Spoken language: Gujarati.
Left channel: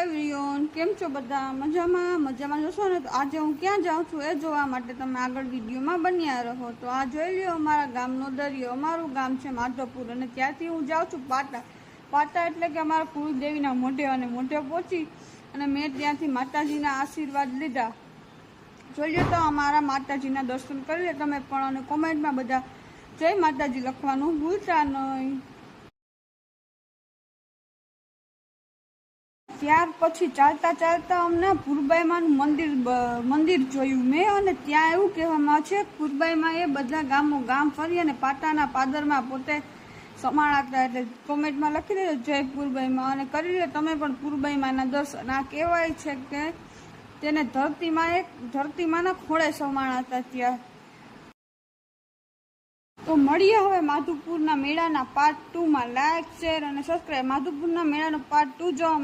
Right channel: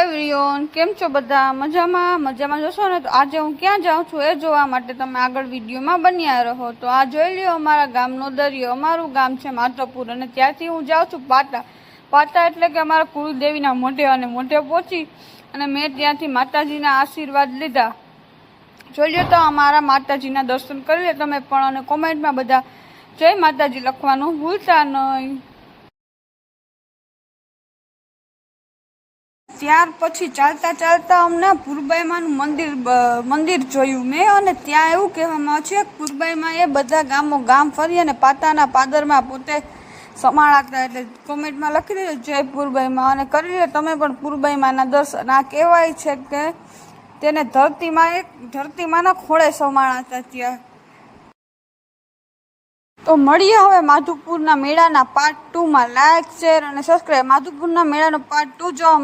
એવરીવન, કેમ છો બધા? મજામાં જશો ને? તો આજે હું ક્યાં જાઉં છું એ જોવા માટે તમે આગળ વિડીયોમાં બન્યા રહો. તો આ જોઈ લ્યો અમારા ગામનો દરિયો. અમારું ગામ છે માધવપુર અને ત્યાંથી હું જાઉં છું પાટા એટલે કે અમારા કુળદેવીના મોઢે અને મોઢે પહોંચી અને મેં ત્યાંથી માતાજીના આશીર્વાદ લીધા. જોઈ લ્યો તો અમારા માતાજીના દર્શન કરી લે તમે પણ, અને કોમેન્ટમાં બધા જય માતાજી લખવાનું ભૂલતા નહીં. ત્યાર પછી ચાલતા અમને પુરબાઈમાનું મંદિર જોયું મેં, અને ત્યાં એવું કહેવામાં છે કે પુરબાઈમાં એ બધા ગામ ફરી અને પાતાના પાદરમાં પોતે સમાણા હતા. એટલે કોમેન્ટમાં લખી દેજો જય પુરબાઈમાં, અને કરી લે તમે પણ પુરબાઈમાના દર્શન. આ કહેવાય છે કે તેને ધરતીમાંના ખોળે સમાણા હતા ત્યાં. તો મળીએ હવે માધવપુરના મેળાના પાર્ટ 2માં. લાઈક, શેર અને સબસ્ક્રાઈબ. માધવપુરના મેળાનો પાર્ટ 2 જોવા